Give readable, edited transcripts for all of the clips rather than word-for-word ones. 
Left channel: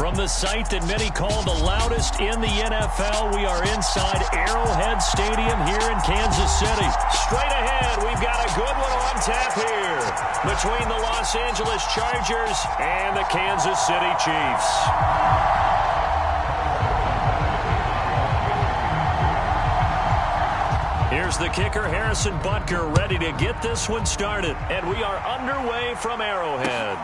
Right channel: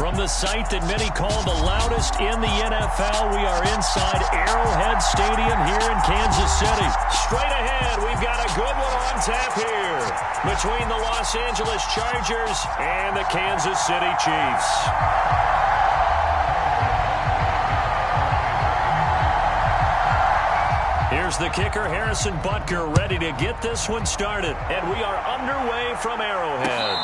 From the site that many call the loudest in the NFL, we are inside Arrowhead Stadium here in Kansas City. Straight ahead, we've got a good one on tap here between the Los Angeles Chargers and the Kansas City Chiefs. Here's the kicker, Harrison Butker, ready to get this one started. And we are underway from Arrowhead.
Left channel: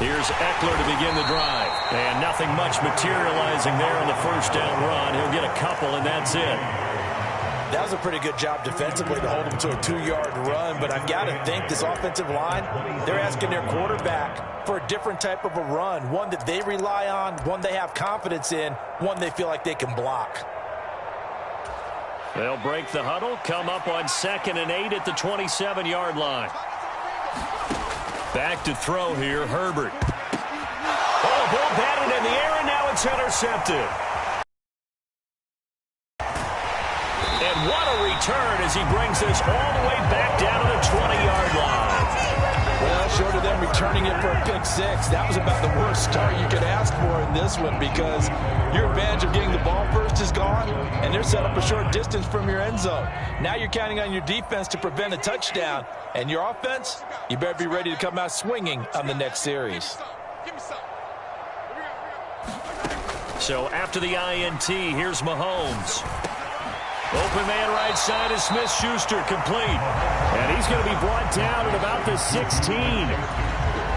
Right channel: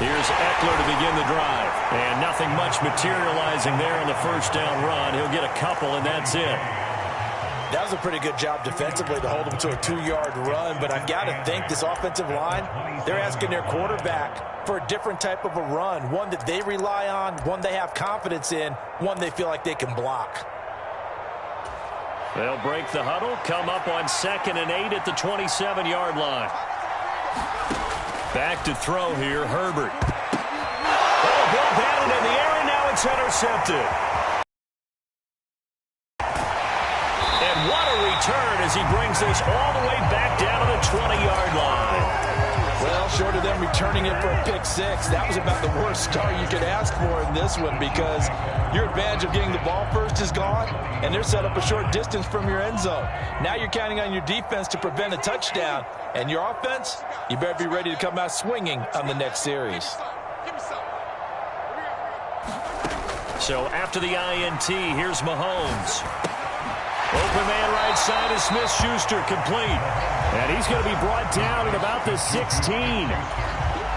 Here's Eckler to begin the drive. And nothing much materializing there on the first down run. He'll get a couple, and that's it. That was a pretty good job defensively to hold him to a 2-yard run, but I've got to think this offensive line, they're asking their quarterback for a different type of a run, one that they rely on, one they have confidence in, one they feel like they can block. They'll break the huddle, come up on 2nd and 8 at the 27-yard line. Back to throw here, Herbert. Oh, ball batted in the air, and now it's intercepted. And what a return as he brings this all the way back down to the 20-yard line. Well, short of them returning it for a pick six, that was about the worst start you could ask for in this one because your advantage of getting the ball first is gone, and they're set up a short distance from your end zone. Now you're counting on your defense to prevent a touchdown, and your offense, you better be ready to come out swinging on the next series. So after the INT, here's Mahomes. Open man right side is Smith-Schuster, complete. And he's going to be brought down at about the 16.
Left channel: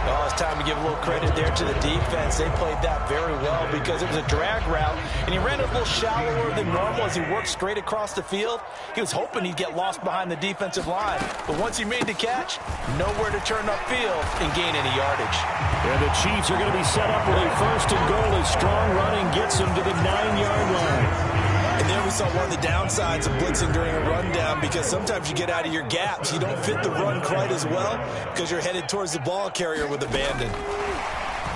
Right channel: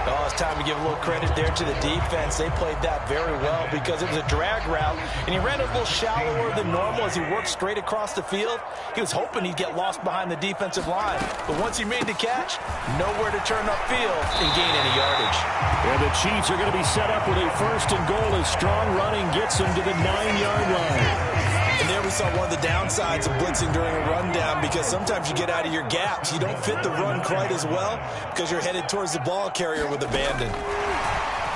Oh, it's time to give a little credit there to the defense. They played that very well because it was a drag route, and he ran it a little shallower than normal as he worked straight across the field. He was hoping he'd get lost behind the defensive line, but once he made the catch, nowhere to turn upfield and gain any yardage. And the Chiefs are going to be set up with a 1st and goal as strong running gets them to the 9-yard line. And there we saw one of the downsides of blitzing during a rundown because sometimes you get out of your gaps. You don't fit the run quite as well because you're headed towards the ball carrier with abandon.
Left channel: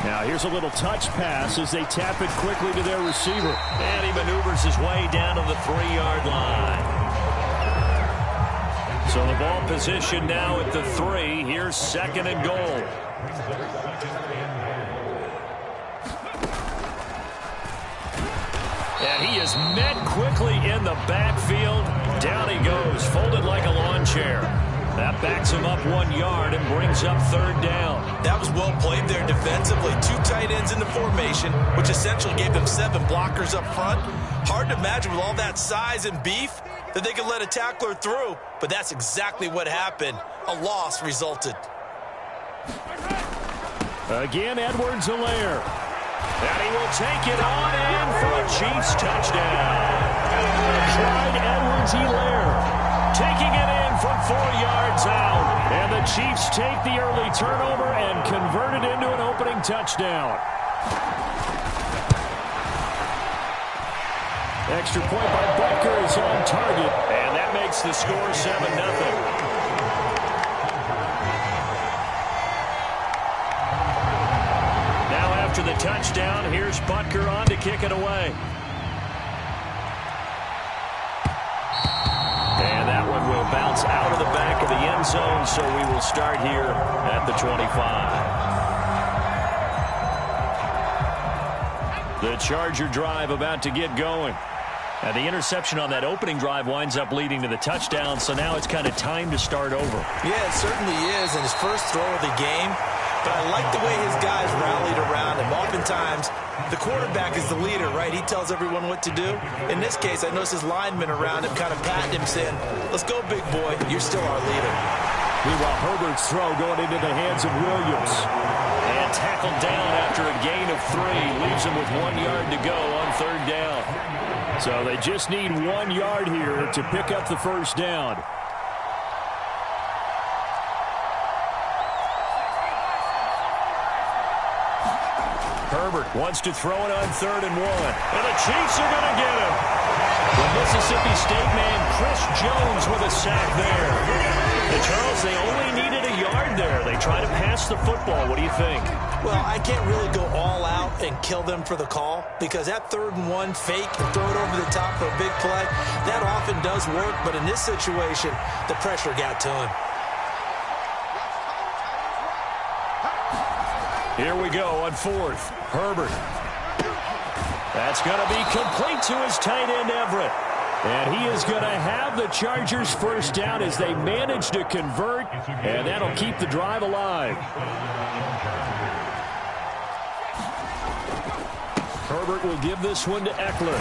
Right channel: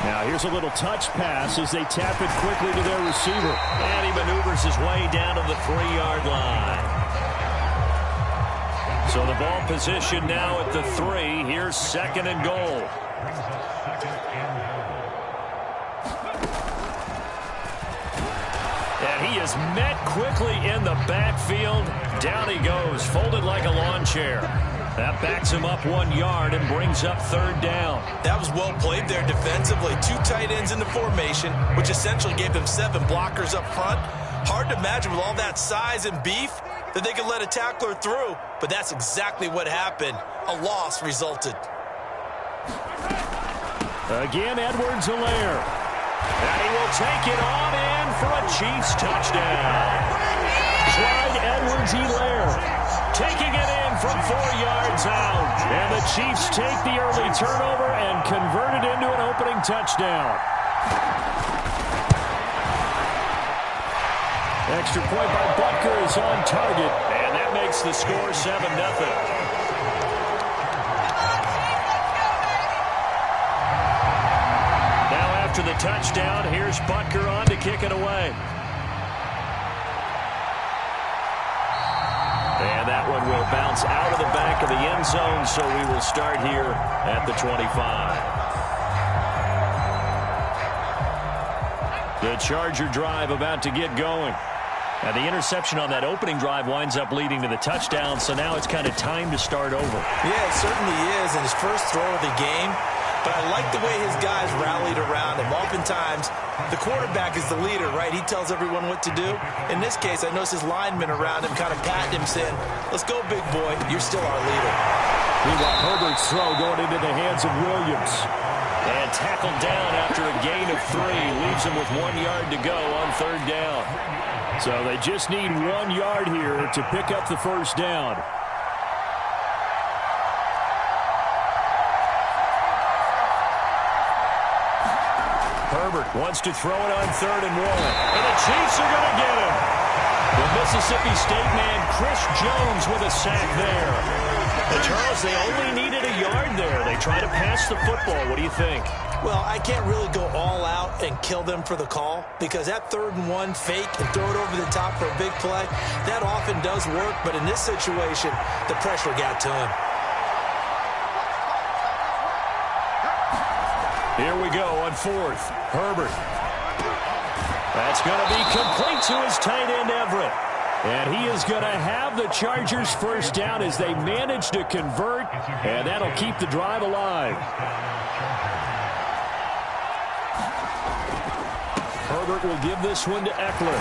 Now here's a little touch pass as they tap it quickly to their receiver. And he maneuvers his way down to the 3-yard line. So the ball position now at the 3. Here's 2nd and goal. And he is met quickly in the backfield. Down he goes, folded like a lawn chair. That backs him up 1 yard and brings up 3rd down. That was well played there defensively. 2 tight ends in the formation, which essentially gave them 7 blockers up front. Hard to imagine with all that size and beef that they could let a tackler through, but that's exactly what happened. A loss resulted. Again, Edwards-Helaire. And he will take it on in for a Chiefs touchdown. Clyde Edwards-Helaire taking it in from 4 yards out. And the Chiefs take the early turnover and convert it into an opening touchdown. Extra point by Butker is on target, and that makes the score 7-0. Now after the touchdown, here's Butker on to kick it away. And that one will bounce out of the back of the end zone, so we will start here at the 25. The Charger drive about to get going. And the interception on that opening drive winds up leading to the touchdown, so now it's kind of time to start over. Yeah, it certainly is, and his first throw of the game. But I like the way his guys rallied around him. Oftentimes, the quarterback is the leader, right? He tells everyone what to do. In this case, I noticed his linemen around him kind of patting him, saying, let's go, big boy. You're still our leader. Meanwhile, Herbert's throw going into the hands of Williams. And tackled down after a gain of 3. Leaves him with 1 yard to go on third down. So they just need 1 yard here to pick up the first down. Herbert wants to throw it on 3rd and 1. And the Chiefs are going to get him. The Mississippi State man, Chris Jones, with a sack there. And Charles, they only needed a yard there. They try to pass the football. What do you think? Well, I can't really go all out and kill them for the call, because that 3rd and 1 fake and throw it over the top for a big play, that often does work. But in this situation, the pressure got to him. Here we go on 4th. Herbert. That's going to be complete to his tight end, Everett. And he is going to have the Chargers first down as they manage to convert, and that'll keep the drive alive. Herbert will give this one to Eckler.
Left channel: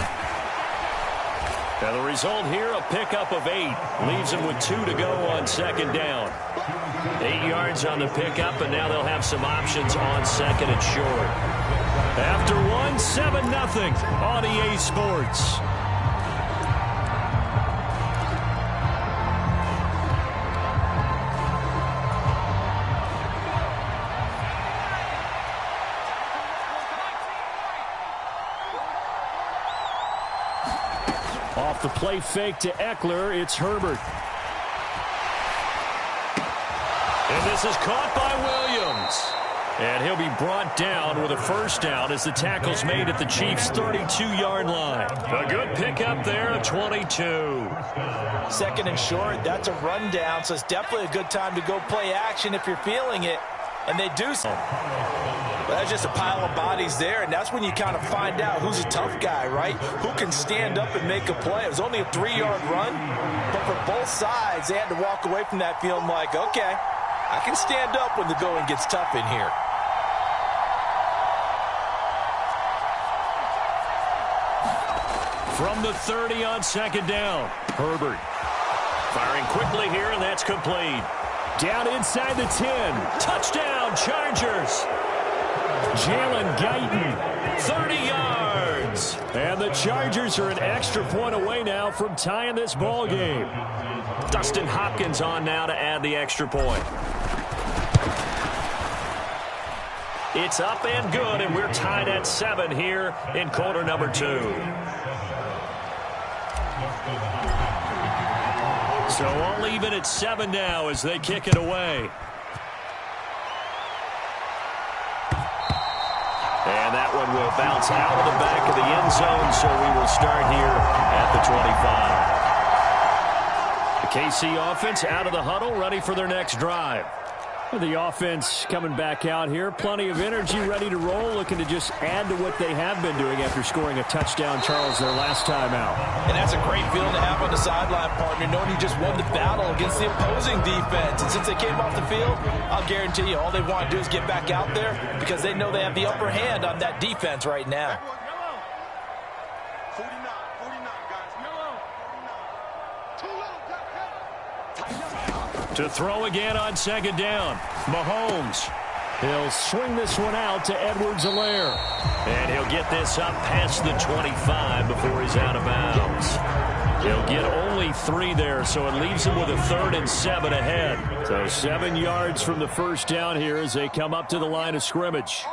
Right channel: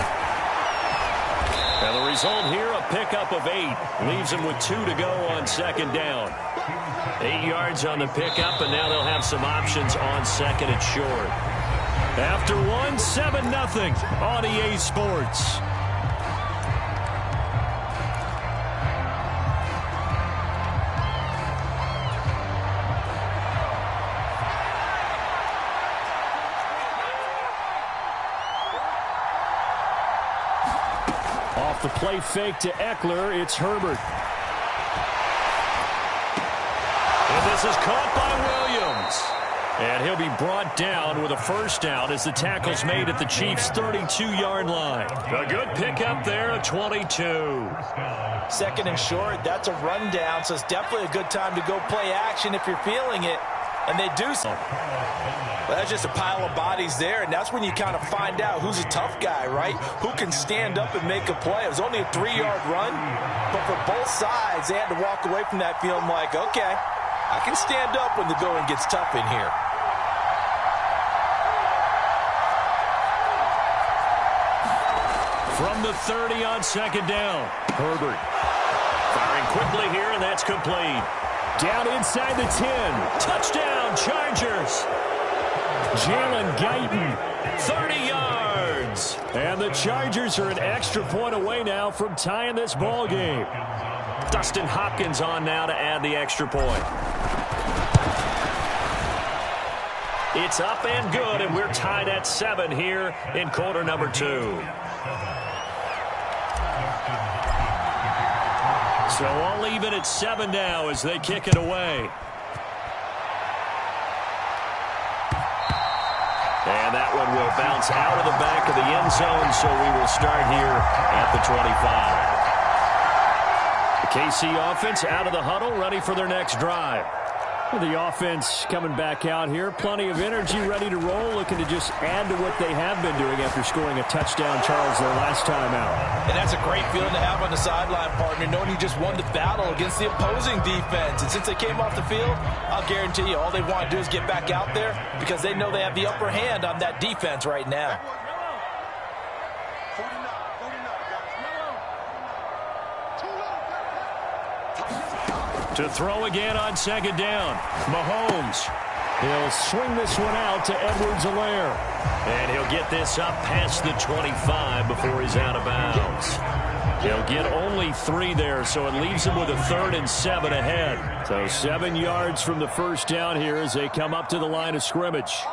And the result here, a pickup of 8. Leaves him with 2 to go on 2nd down. 8 yards on the pickup, and now they'll have some options on 2nd and short. After 1, 7-0 on EA Sports. Off the play fake to Eckler, it's Herbert. And this is caught by Williams. And he'll be brought down with a first down as the tackle's made at the Chiefs' 32-yard line. A good pickup there, a 22. 2nd and short, that's a rundown, so it's definitely a good time to go play action if you're feeling it. And they do so. But that's just a pile of bodies there, and that's when you kind of find out who's a tough guy, right? Who can stand up and make a play. It was only a 3-yard run, but for both sides, they had to walk away from that feeling like, okay, I can stand up when the going gets tough in here. From the 30 on 2nd down, Herbert. Firing quickly here, and that's complete. Down inside the 10. Touchdown, Chargers. Jalen Guyton, 30 yards. And the Chargers are an extra point away now from tying this ball game. Dustin Hopkins on now to add the extra point. It's up and good, and we're tied at 7 here in quarter number 2. So all even at 7 now as they kick it away. And that one will bounce out of the back of the end zone, so we will start here at the 25. The KC offense out of the huddle, ready for their next drive. The offense coming back out here. Plenty of energy, ready to roll, looking to just add to what they have been doing after scoring a touchdown, Charles, their last time out. And that's a great feeling to have on the sideline, partner, knowing you just won the battle against the opposing defense. And since they came off the field, I'll guarantee you all they want to do is get back out there because they know they have the upper hand on that defense right now. To throw again on 2nd down, Mahomes. He'll swing this one out to Edwards-Helaire. And he'll get this up past the 25 before he's out of bounds. He'll get only 3 there, so it leaves him with a 3rd and 7 ahead. So 7 yards from the first down here as they come up to the line of scrimmage.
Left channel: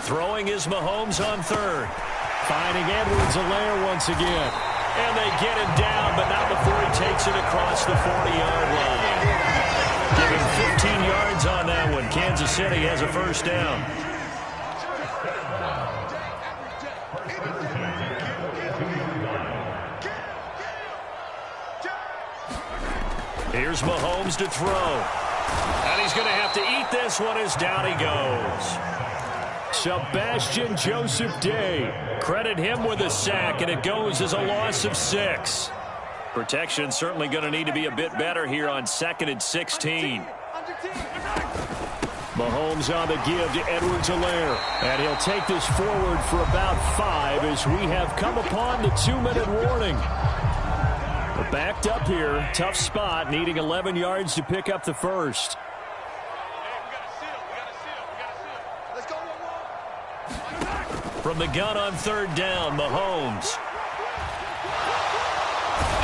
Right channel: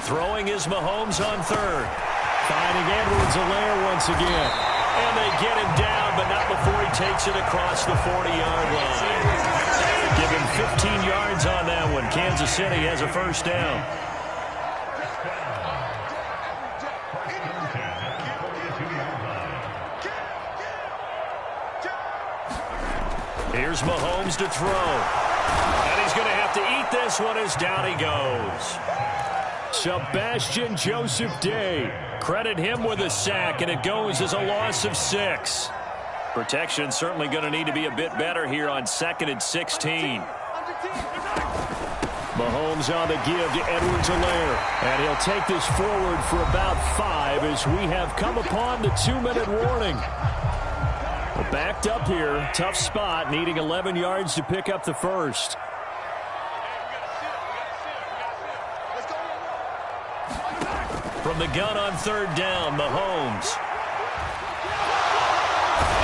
Throwing is Mahomes on 3rd. Finding Edwards-Helaire once again. And they get him down, but not before he takes it across the 40-yard line. Give him 15 yards on that one. Kansas City has a first down. Here's Mahomes to throw. And he's going to have to eat this one as down he goes. Sebastian Joseph Day. Credit him with a sack, and it goes as a loss of 6. Protection certainly going to need to be a bit better here on 2nd and 16. Mahomes on the give to Edwards-Helaire. And he'll take this forward for about 5 as we have come upon the 2-minute warning. We're backed up here. Tough spot, needing 11 yards to pick up the first. From the gun on 3rd down, Mahomes.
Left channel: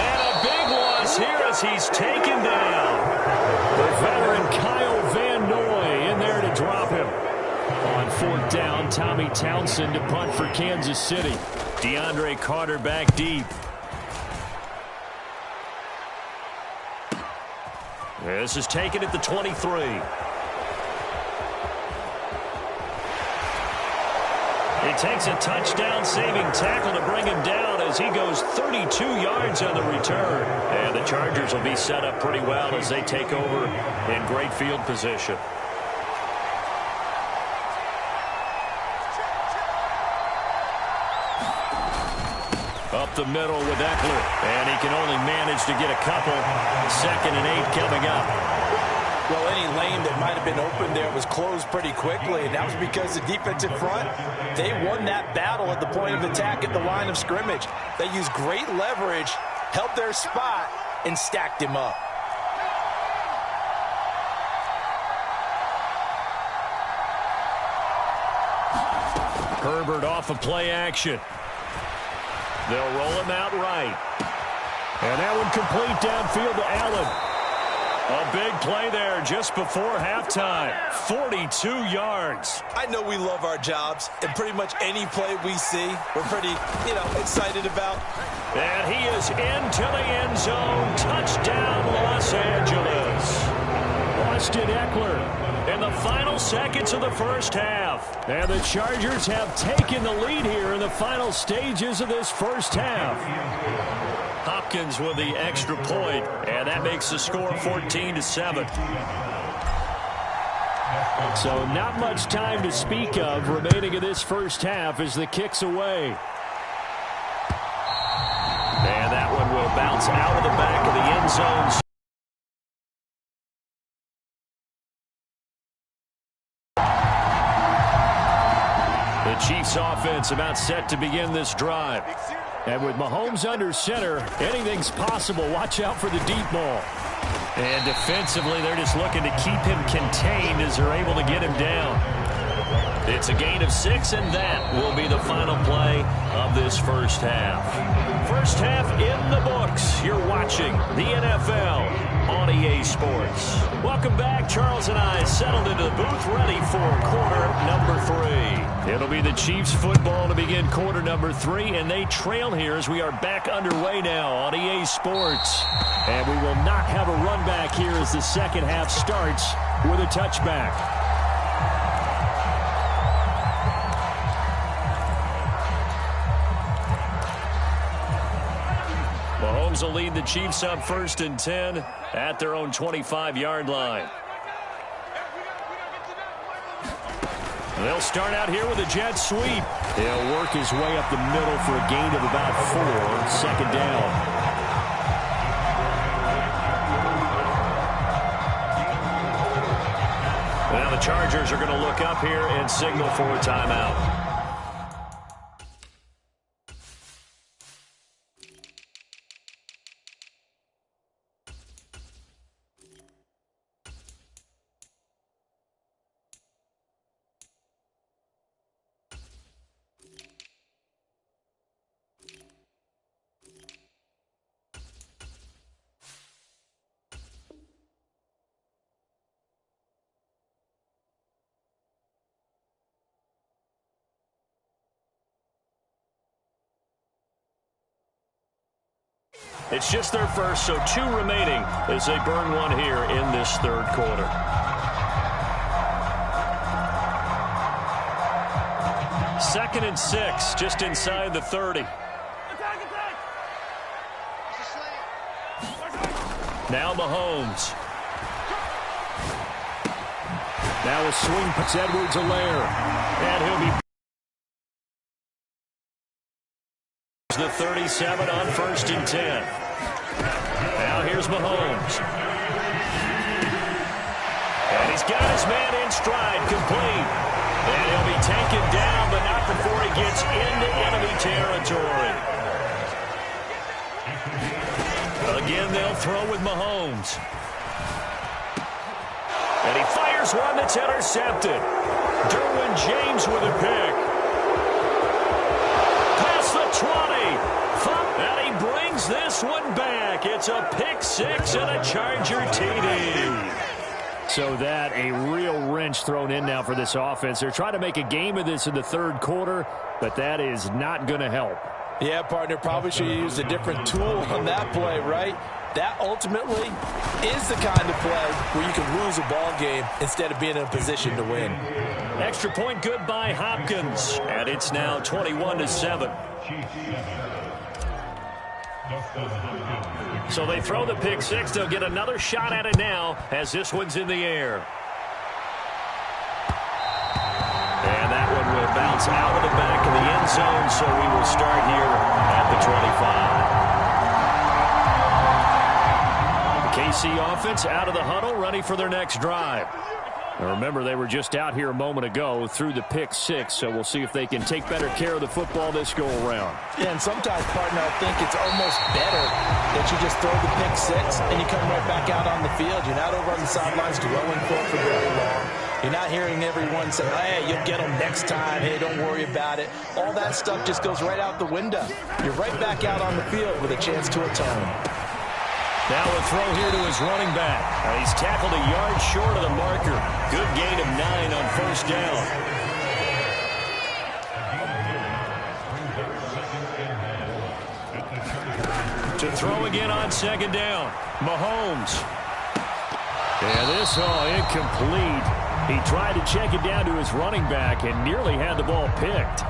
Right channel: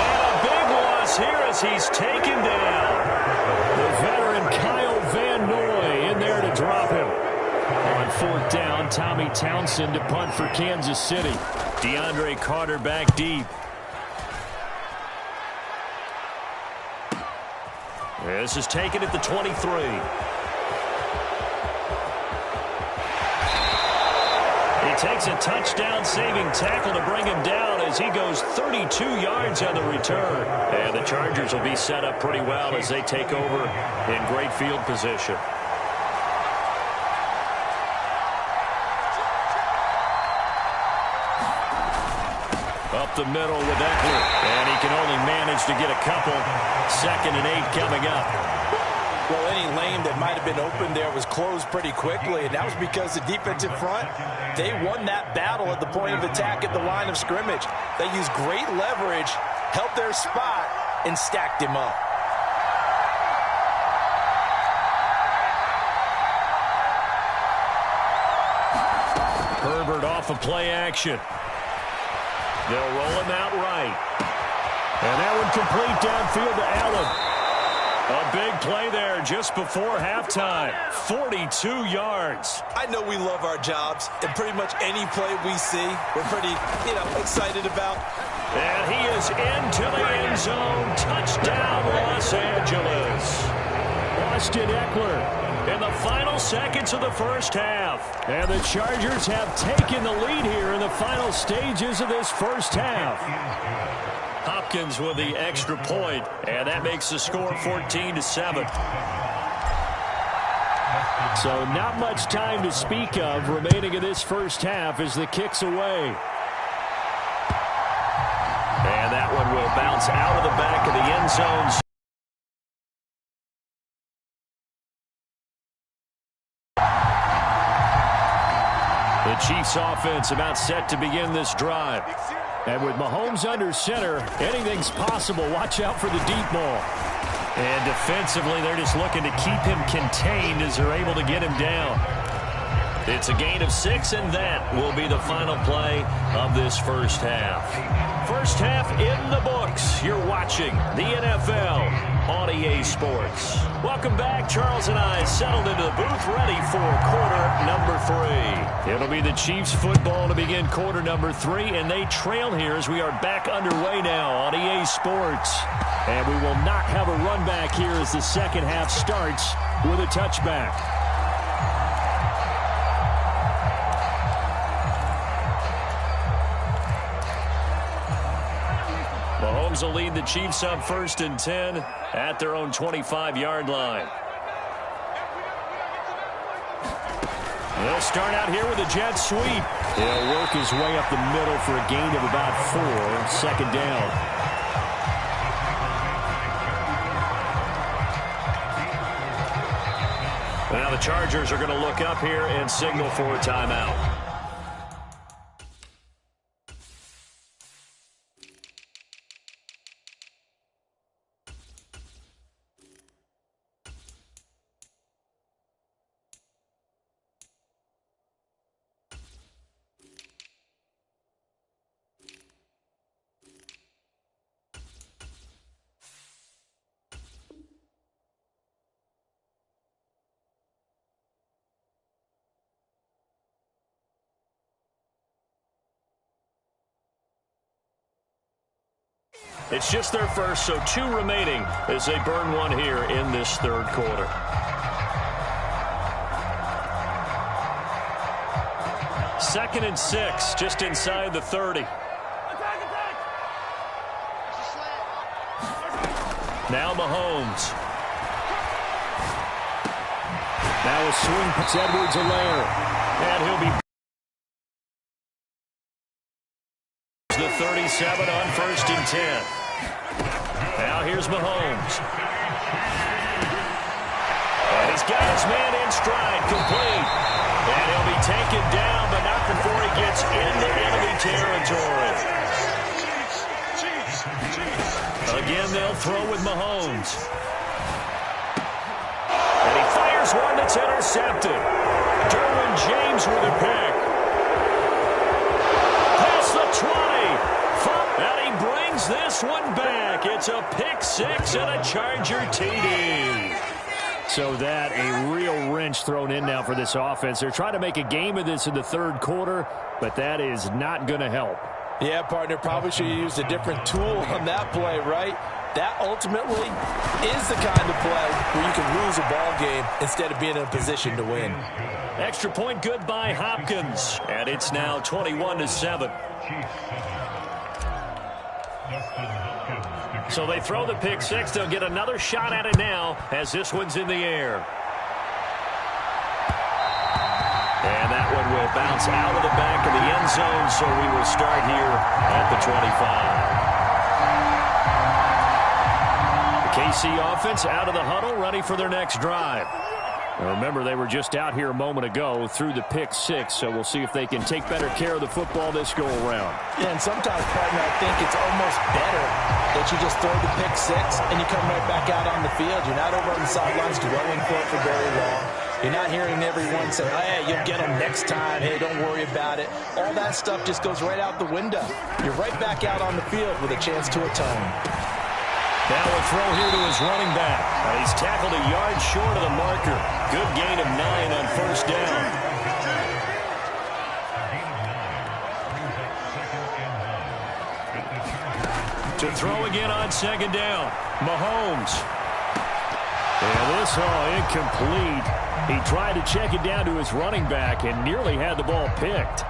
And a big loss here as he's taken down. The veteran Kyle Van Noy in there to drop him. On 4th down, Tommy Townsend to punt for Kansas City. DeAndre Carter back deep. This is taken at the 23. He takes a touchdown-saving tackle to bring him down as he goes 32 yards on the return. And the Chargers will be set up pretty well as they take over in great field position. Up the middle with Eckler. And he can only manage to get a couple. 2nd and 8 coming up. Well, any lane that might have been open there was closed pretty quickly, and that was because the defensive front, they won that battle at the point of attack at the line of scrimmage. They used great leverage, held their spot, and stacked him up. Herbert off of play action. They'll roll him out right. And that one complete downfield to Allen. A big play there just before halftime. 42 yards. I know we love our jobs, and pretty much any play we see, we're pretty, excited about. And he is into the end zone. Touchdown, Los Angeles. Austin Eckler in the final seconds of the first half. And the Chargers have taken the lead here in the final stages of this first half. Hopkins with the extra point, and that makes the score 14-7. So not much time to speak of remaining in this first half as the kick's away. And that one will bounce out of the back of the end zone. The Chiefs offense about set to begin this drive. And with Mahomes under center, anything's possible. Watch out for the deep ball. And defensively, they're just looking to keep him contained as they're able to get him down. It's a gain of 6, and that will be the final play of this first half. First half in the books. You're watching the NFL on EA Sports. Welcome back. Charles and I settled into the booth ready for quarter number 3. It'll be the Chiefs football to begin quarter number 3, and they trail here as we are back underway now on EA Sports. And we will not have a run back here as the second half starts with a touchback. Mahomes will lead the Chiefs up 1st and 10 at their own 25-yard line. They'll start out here with a jet sweep. He'll work his way up the middle for a gain of about 4. 2nd down. Now the Chargers are going to look up here and signal for a timeout. It's just their first, so 2 remaining as they burn one here in this third quarter. Second and 6, just inside the 30. Now Mahomes. Now a swing. It's Edwards-Helaire. And he'll be the 37 on 1st and 10. Now here's Mahomes. And he's got his man in stride, complete. And he'll be taken down, but not before he gets into enemy territory. Again, they'll throw with Mahomes. And he fires one that's intercepted. Derwin James with a pick. Past the 20. And he brings this one back. It's a pick 6 and a Charger TD. So that a real wrench thrown in now for this offense. They're trying to make a game of this in the third quarter, but that is not going to help. Yeah, partner, probably should have used a different tool on that play, right? That ultimately is the kind of play where you can lose a ball game instead of being in a position to win. Extra point good by Hopkins. And it's now 21-7. So they throw the pick 6. They'll get another shot at it now as this one's in the air. And that one will bounce out of the back of the end zone, so we will start here at the 25. The KC offense out of the huddle, ready for their next drive. Now remember, they were just out here a moment ago through the pick 6, so we'll see if they can take better care of the football this go-around. Yeah, and sometimes, partner, I think it's almost better that you just throw the pick 6 and you come right back out on the field. You're not over on the sidelines dwelling for it for very long. You're not hearing everyone say, hey, you'll get them next time. Hey, don't worry about it. All that stuff just goes right out the window. You're right back out on the field with a chance to atone. Now a throw here to his running back. Now he's tackled a yard short of the marker. Good gain of 9 on 1st down. To throw again on 2nd down. Mahomes. And this incomplete. He tried to check it down to his running back and nearly had the ball picked.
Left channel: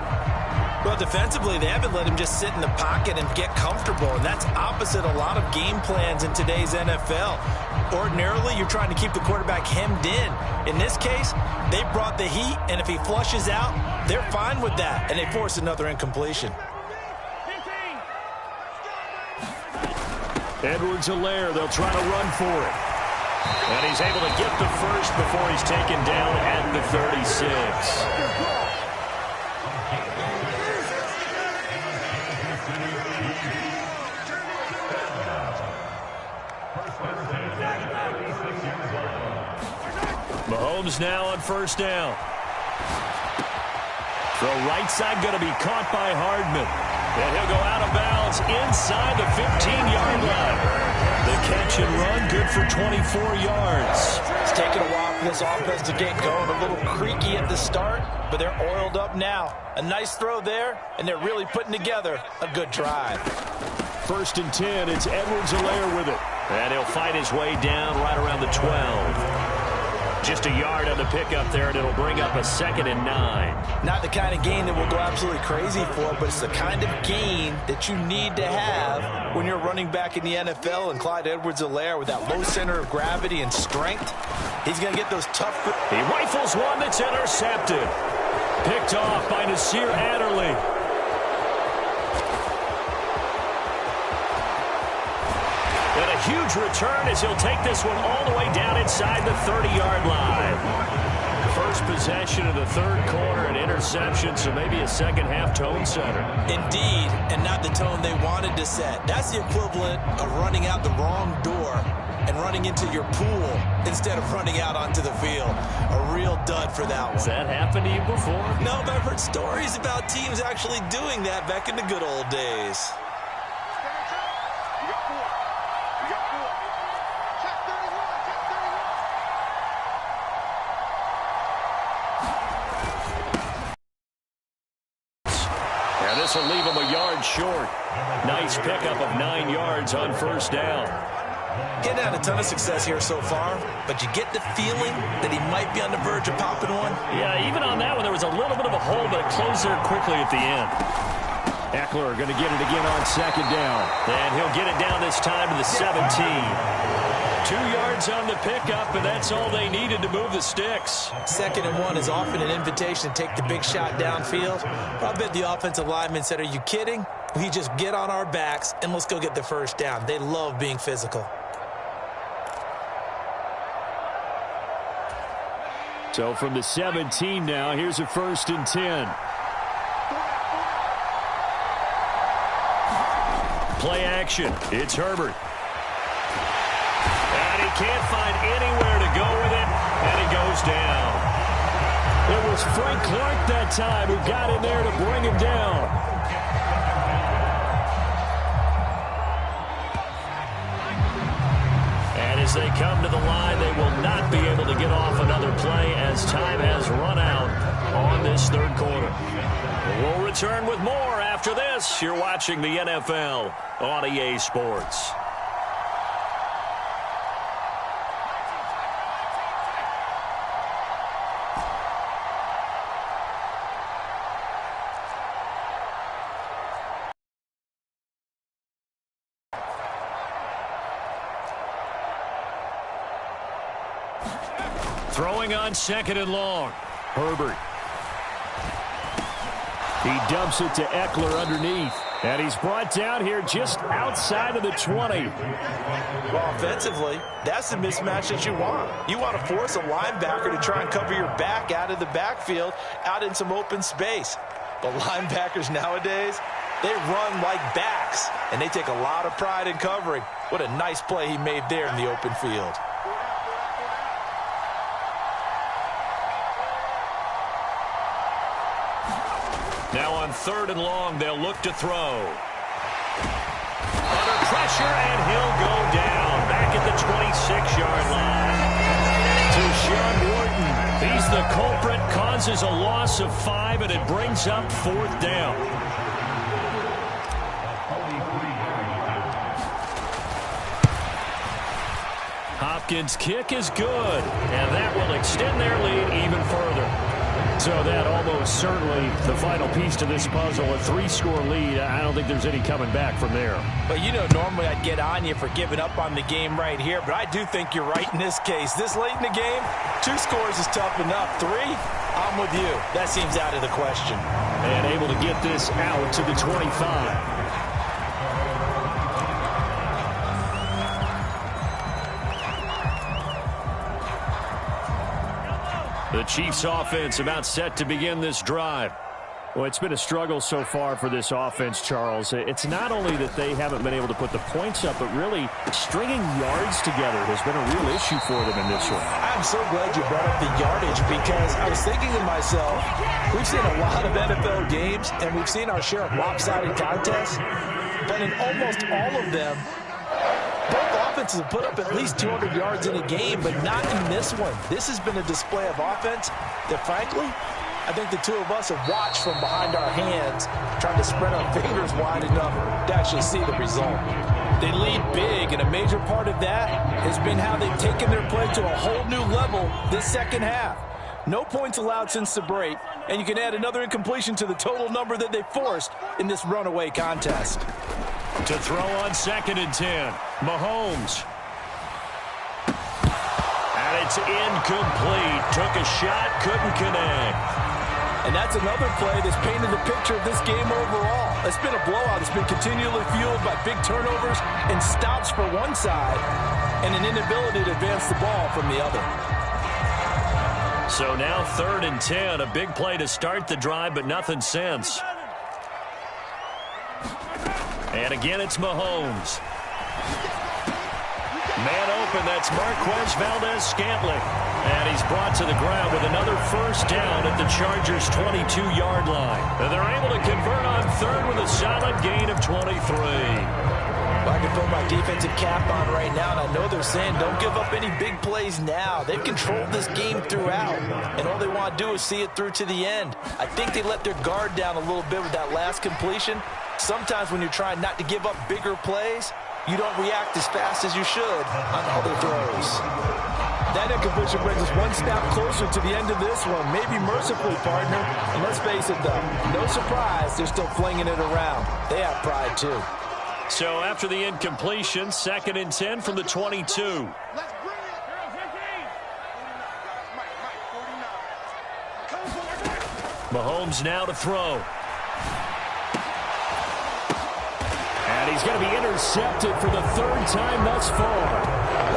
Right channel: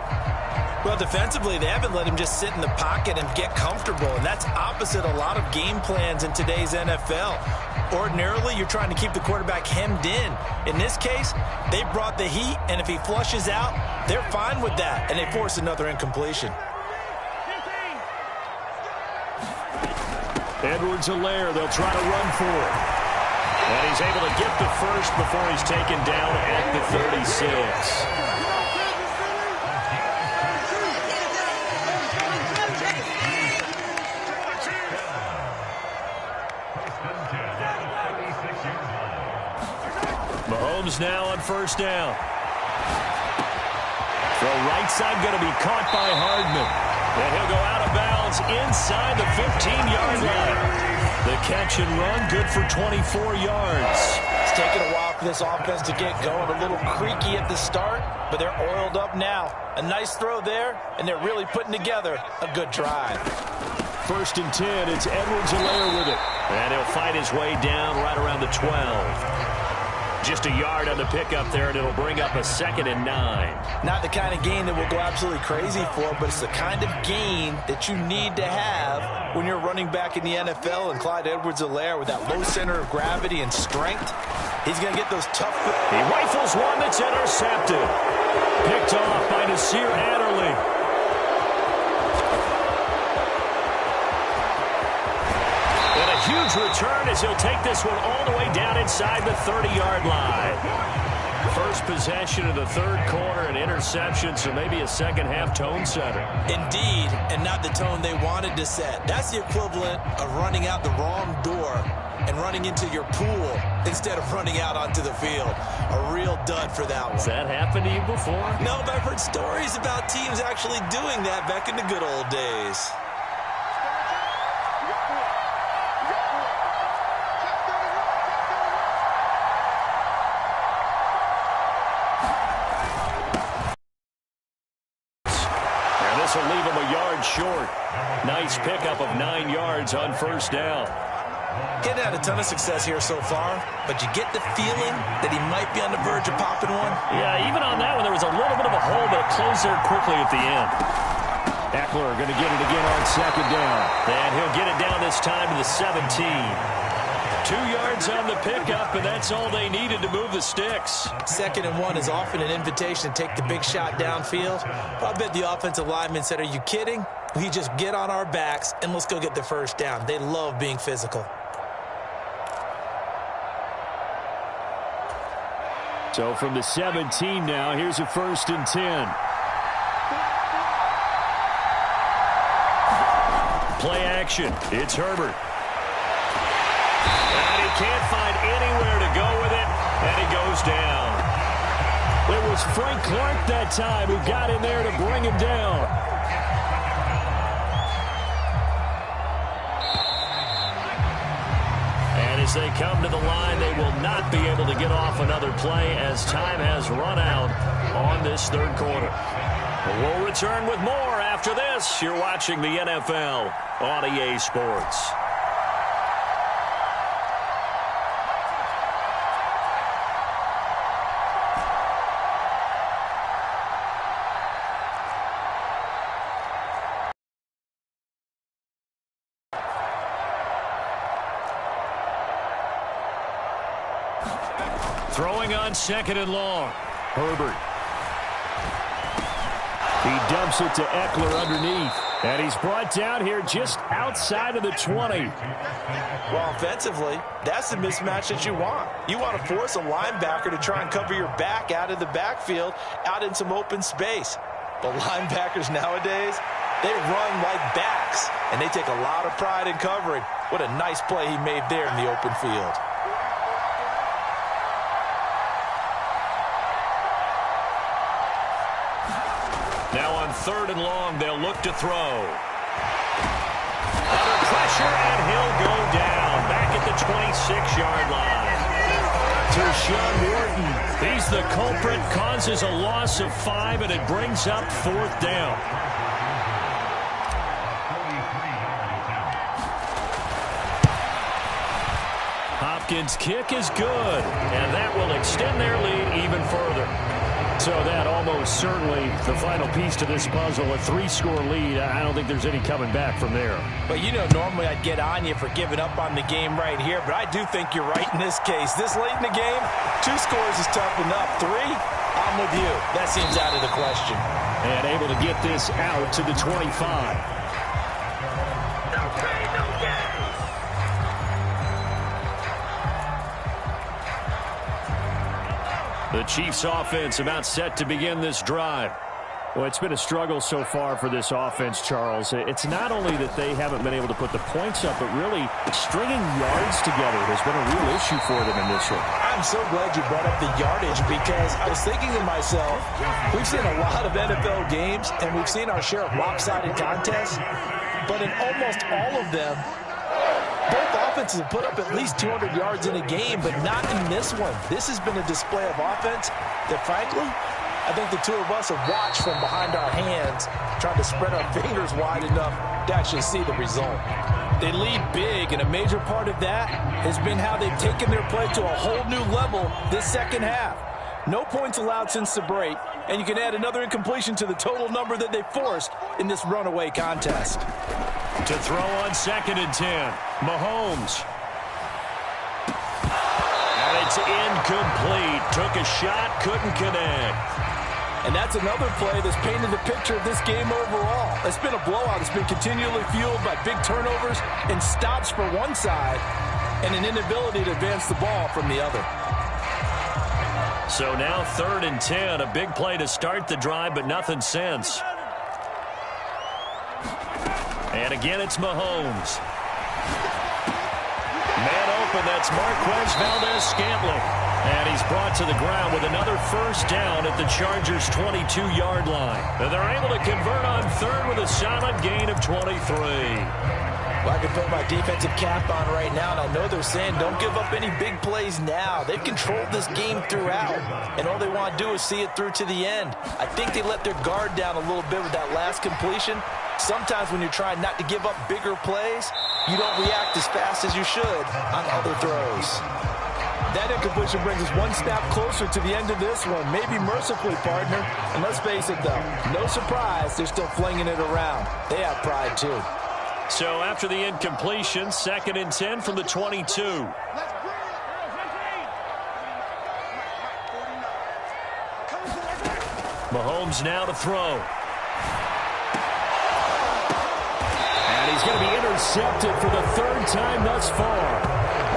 Well, defensively, they haven't let him just sit in the pocket and get comfortable, and that's opposite a lot of game plans in today's NFL. Ordinarily, you're trying to keep the quarterback hemmed in. In this case, they brought the heat, and if he flushes out, they're fine with that, and they force another incompletion. Edwards-Helaire, they'll try to run for it. And he's able to get the first before he's taken down at the 36. Mahomes now on 1st down. Throw right side going to be caught by Hardman. And he'll go out of bounds inside the 15-yard line. The catch and run good for 24 yards. It's taken a while for this offense to get going. A little creaky at the start, but they're oiled up now. A nice throw there, and they're really putting together a good drive. 1st and 10, it's Edwards-Helaire with it. And he'll fight his way down right around the 12. Just a yard on the pickup there, and it'll bring up a 2nd and 9. Not the kind of gain that we'll go absolutely crazy for, but it's the kind of gain that you need to have when you're running back in the NFL. And Clyde Edwards-Helaire, with that low center of gravity and strength, he's going to get those tough... He rifles one that's intercepted. Picked off by Nasir Adderley. And a huge return as he'll take this one all the way down inside the 30-yard line. First possession of the third quarter, an interception, so maybe a second-half tone setter. Indeed, and not the tone they wanted to set. That's the equivalent of running out the wrong door and running into your pool instead of running out onto the field. A real dud for that one. Has that happened to you before? No, but I've heard stories about teams actually doing that back in the good old days. This will leave him a yard and short. Nice pickup of 9 yards on first down. Getting had a ton of success here so far, but you get the feeling that he might be on the verge of popping one. Yeah, even on that one, there was a little bit of a hole, but it closed there quickly at the end. Eckler going to get it again on second down. And he'll get it down this time to the 17. 2 yards on the pickup, and that's all they needed to move the sticks. 2nd and 1 is often an invitation to take the big shot downfield. I bet the offensive lineman said, are you kidding? We just get on our backs and let's go get the first down. They love being physical. So from the 17 now, here's a 1st and 10. Play action. It's Herbert. And he can't find anywhere to go with it, and he goes down. It was Frank Clark that time who got in there to bring him down. And as they come to the line, they will not be able to get off another play as time has run out on this 3rd quarter. We'll return with more after this. You're watching the NFL on EA Sports. Throwing on 2nd and long. Herbert. He dumps it to Eckler underneath. And he's brought down here just outside of the 20. Well, offensively, that's the mismatch that you want. You want to force a linebacker to try and cover your back out of the backfield, out in some open space. But linebackers nowadays, they run like backs, and they take a lot of pride in covering. What a nice play he made there in the open field. Now on 3rd and long, they'll look to throw. Under pressure, and he'll go down. Back at the 26-yard line. Tershawn Wharton, he's the culprit, causes a loss of 5, and it brings up 4th down. Hopkins' kick is good, and that will extend their lead even further. So that almost certainly the final piece to this puzzle, a 3-score lead. I don't think there's any coming back from there. But you know, normally I'd get on you for giving up on the game right here, but I do think you're right in this case. This late in the game, 2 scores is tough enough. 3, I'm with you. That seems out of the question. And able to get this out to the 25. The Chiefs offense about set to begin this drive. Well, it's been a struggle so far for this offense, Charles. It's not only that they haven't been able to put the points up, but really stringing yards together has been a real issue for them in this one. I'm so glad you brought up the yardage because I was thinking to myself, we've seen a lot of NFL games and we've seen our share of lopsided contests, but in almost all of them, both offenses have put up at least 200 yards in a game, but not in this one. This has been a display of offense that, frankly, I think the two of us have watched from behind our hands, trying to spread our fingers wide enough to actually see the result. They lead big, and a major part of that has been how they've taken their play to a whole new level this 2nd half. No points allowed since the break, and you can add another incompletion to the total number that they forced in this runaway contest. To throw on 2nd and 10, Mahomes. And it's incomplete. Took a shot, couldn't connect. And that's another play that's painted the picture of this game overall. It's been a blowout. It's been continually fueled by big turnovers and stops for one side and an inability to advance the ball from the other. So now 3rd and 10, a big play to start the drive, but nothing since. And again, it's Mahomes. Man open, that's Marquez Valdez-Scantling. And he's brought to the ground with another first down at the Chargers' 22-yard line. And they're able to convert on 3rd with a solid gain of 23. Well, I can put my defensive cap on right now, and I know they're saying don't give up any big plays now. They've controlled this game throughout, and all they want to do is see it through to the end. I think they let their guard down a little bit with that last completion. sometimes when you're trying not to give up bigger plays, you don't react as fast as you should on other throws. That incompletion brings us one step closer to the end of this one. Maybe mercifully, partner. And let's face it, though, no surprise, they're still flinging it around. They have pride, too. So after the incompletion, 2nd and 10 from the 22. Mahomes now to throw. And he's going to be intercepted for the 3rd time thus far.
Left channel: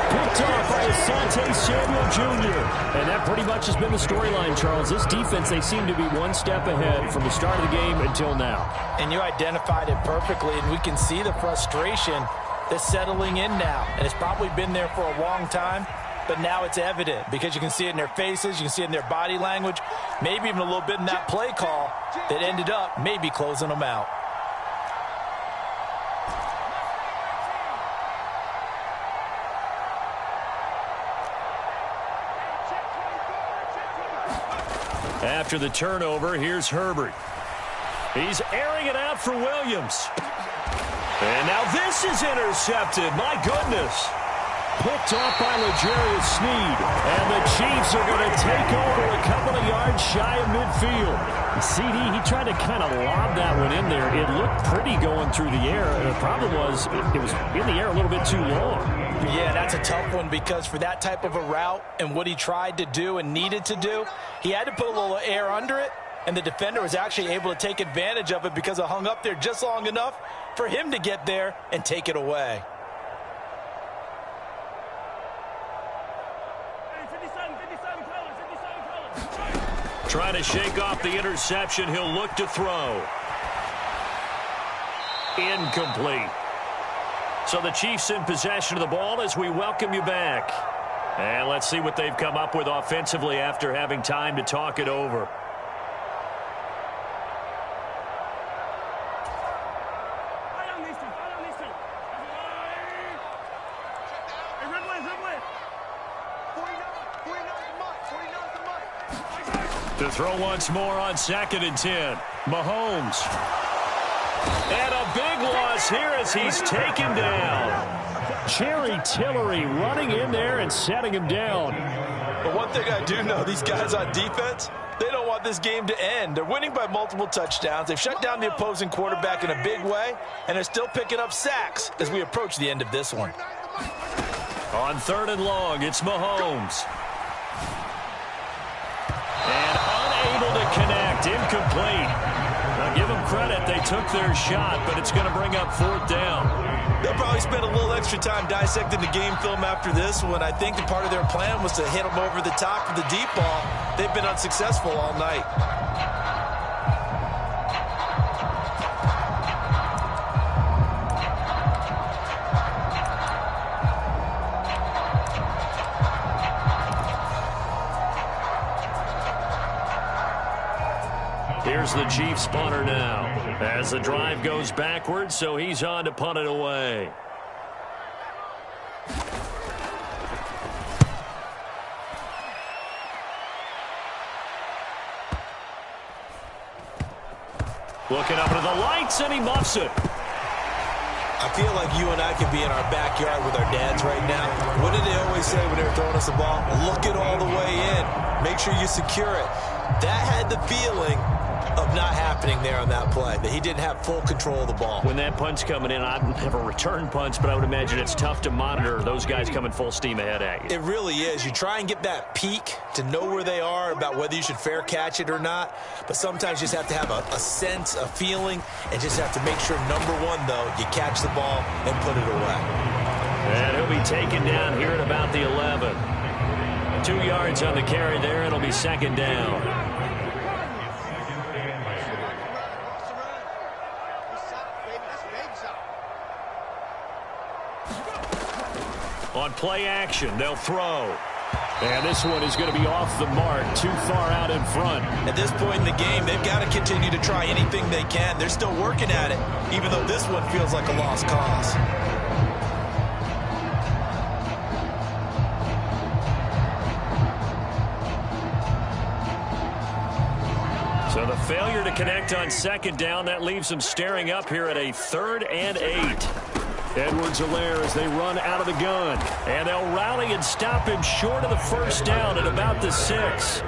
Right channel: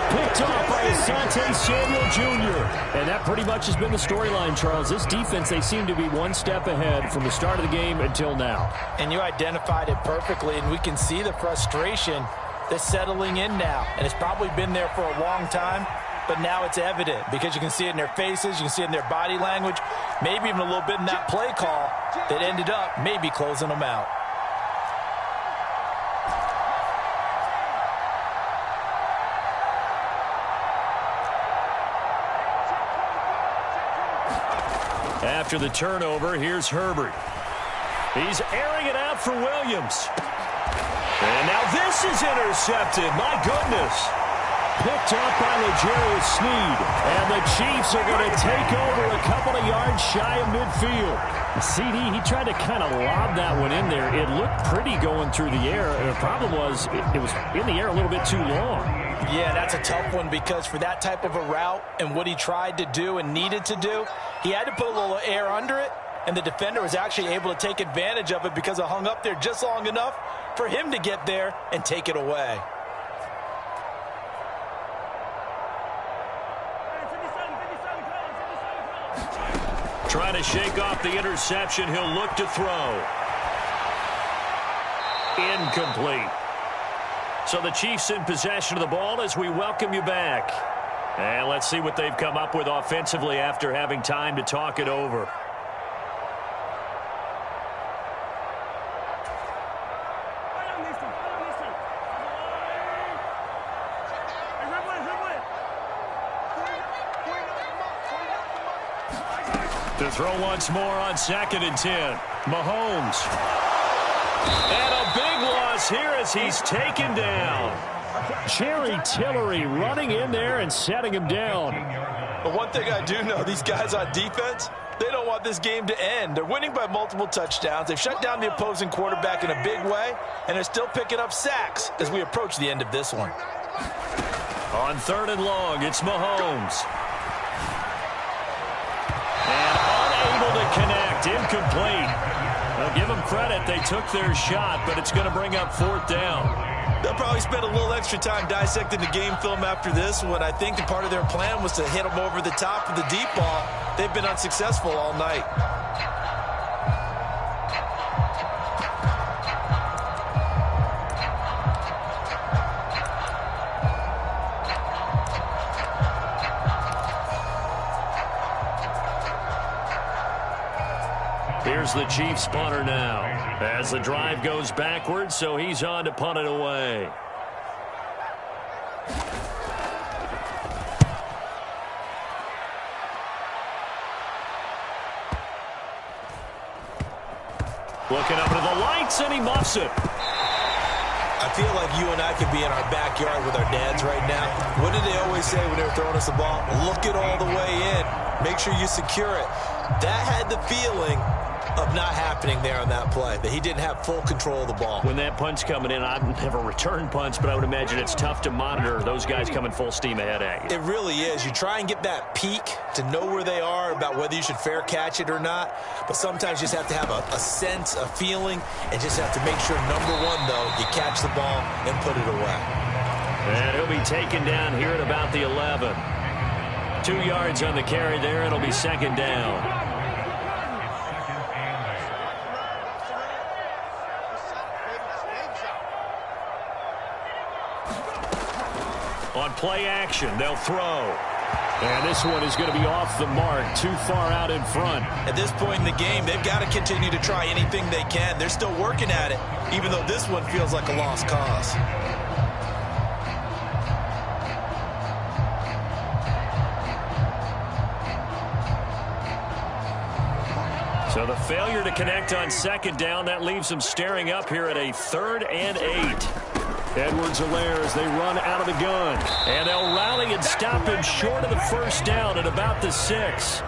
Picked off by Asante Samuel Jr. And that pretty much has been the storyline, Charles. This defense, they seem to be one step ahead from the start of the game until now. And you identified it perfectly, and we can see the frustration that's settling in now. And it's probably been there for a long time, but now it's evident because you can see it in their faces, you can see it in their body language, maybe even a little bit in that play call that ended up maybe closing them out. After the turnover, here's Herbert. He's airing it out for Williams. And now this is intercepted. My goodness. Picked off by L'Jarius Sneed. And the Chiefs are going to take over a couple of yards shy of midfield. CD, he tried to kind of lob that one in there. It looked pretty going through the air. The problem was it was in the air a little bit too long. Yeah, that's a tough one because for that type of a route and what he tried to do and needed to do, he had to put a little air under it, and the defender was actually able to take advantage of it because it hung up there just long enough for him to get there and take it away. Trying to shake off the interception. He'll look to throw. Incomplete. So the Chiefs in possession of the ball as we welcome you back. And let's see what they've come up with offensively after having time to talk it over. To throw once more on 2nd and 10. Mahomes. And a big loss here as he's taken down. Jerry Tillery running in there and setting him down. But one thing I do know, these guys on defense, they don't want this game to end. They're winning by multiple touchdowns. They've shut down the opposing quarterback in a big way, and they're still picking up sacks as we approach the end of this one. On 3rd and long, it's Mahomes. And unable to connect, incomplete. Now give them credit, they took their shot, but it's going to bring up 4th down. They'll probably spend a little extra time dissecting the game film after this one. I think that part of their plan was to hit them over the top of the deep ball. They've been unsuccessful all night. Here's the Chiefs punter now as the drive goes backwards, so he's on to punt it away. Looking up into the lights, and he muffs it. I feel like you and I could be in our backyard with our dads right now. What did they always say when they were throwing us the ball? Look it all the way in. Make sure you secure it. That had the feeling of not happening there on that play, that he didn't have full control of the ball. When that punt's coming in, I've never returned punts, but I would imagine it's tough to monitor those guys coming full steam ahead at you. It really is. You try and get that peek to know where they are, about whether you should fair catch it or not, but sometimes you just have to have a sense, a feeling, and just have to make sure, number one, though, you catch the ball and put it away. And he'll be taken down here at about the 11. 2 yards on the carry there. It'll be 2nd down. On play action, they'll throw. And this one is going to be off the mark, too far out in front. At this point in the game, they've got to continue to try anything they can. They're still working at it, even though this one feels like a lost cause. So the failure to connect on second down, that leaves them staring up here at a 3rd and 8. Edwards-Helaire as they run out of the gun. And they'll rally and stop him short of the first down at about the 6.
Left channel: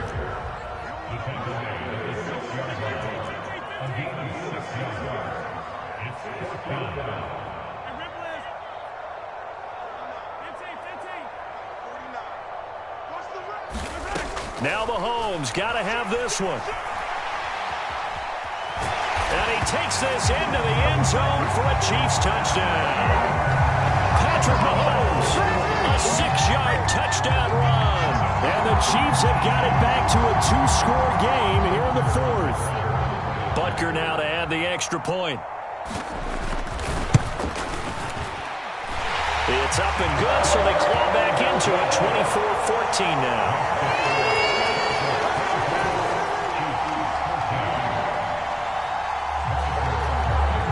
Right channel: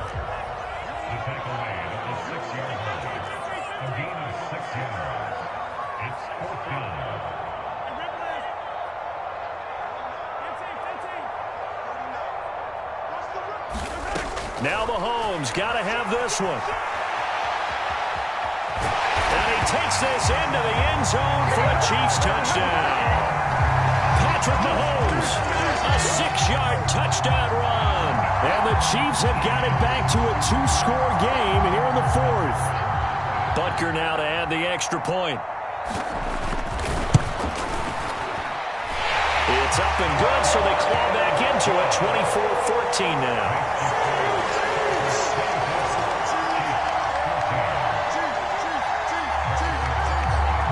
Now Mahomes got to have this one. And he takes this into the end zone for a Chiefs touchdown. Patrick Mahomes, a 6-yard touchdown run. And the Chiefs have got it back to a 2-score game here in the 4th. Butker now to add the extra point. It's up and good, so they claw back into it, 24-14 now.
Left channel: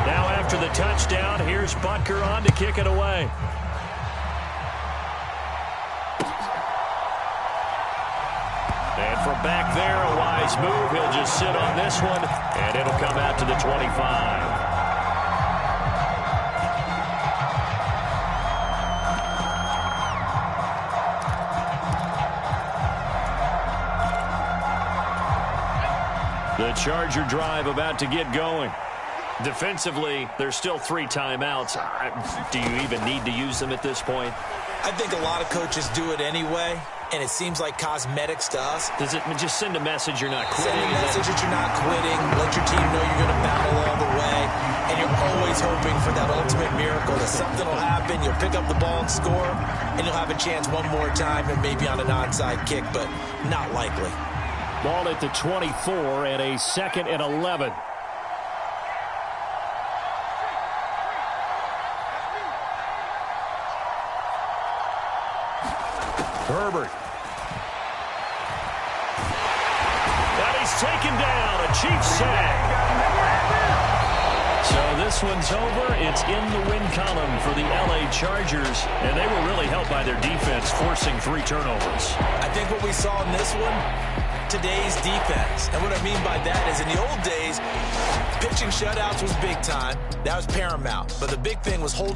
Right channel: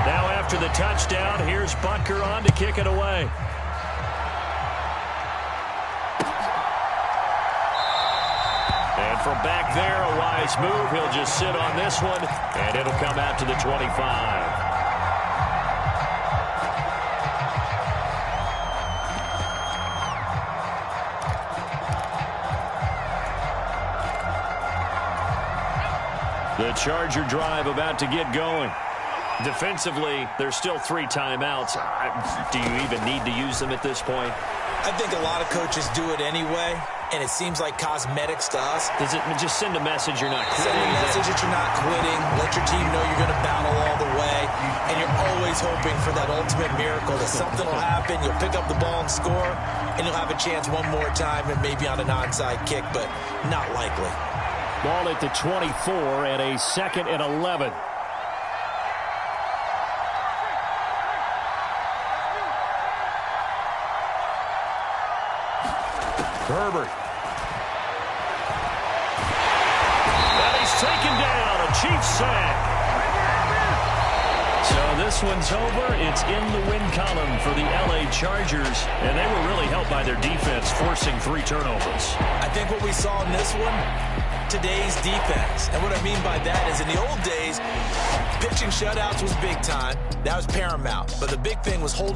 Now after the touchdown, here's Butker on to kick it away. And from back there, a wise move. He'll just sit on this one, and it'll come out to the 25. The Charger drive about to get going. Defensively, there's still 3 timeouts. Do you even need to use them at this point? I think a lot of coaches do it anyway, and it seems like cosmetics to us. Does it just send a message you're not quitting? Send a message that you're not quitting. Let your team know you're going to battle all the way, and you're always hoping for that ultimate miracle, that something will happen, you'll pick up the ball and score, and you'll have a chance one more time and maybe on an onside kick, but not likely. Ball at the 24 and a 2nd and 11. Herbert. And he's taken down, a Chiefs sack. So this one's over. It's in the win column for the LA Chargers, and they were really helped by their defense, forcing 3 turnovers. I think what we saw in this one, today's defense. And what I mean by that is in the old days, pitching shutouts was big time. That was paramount. But the big thing was holding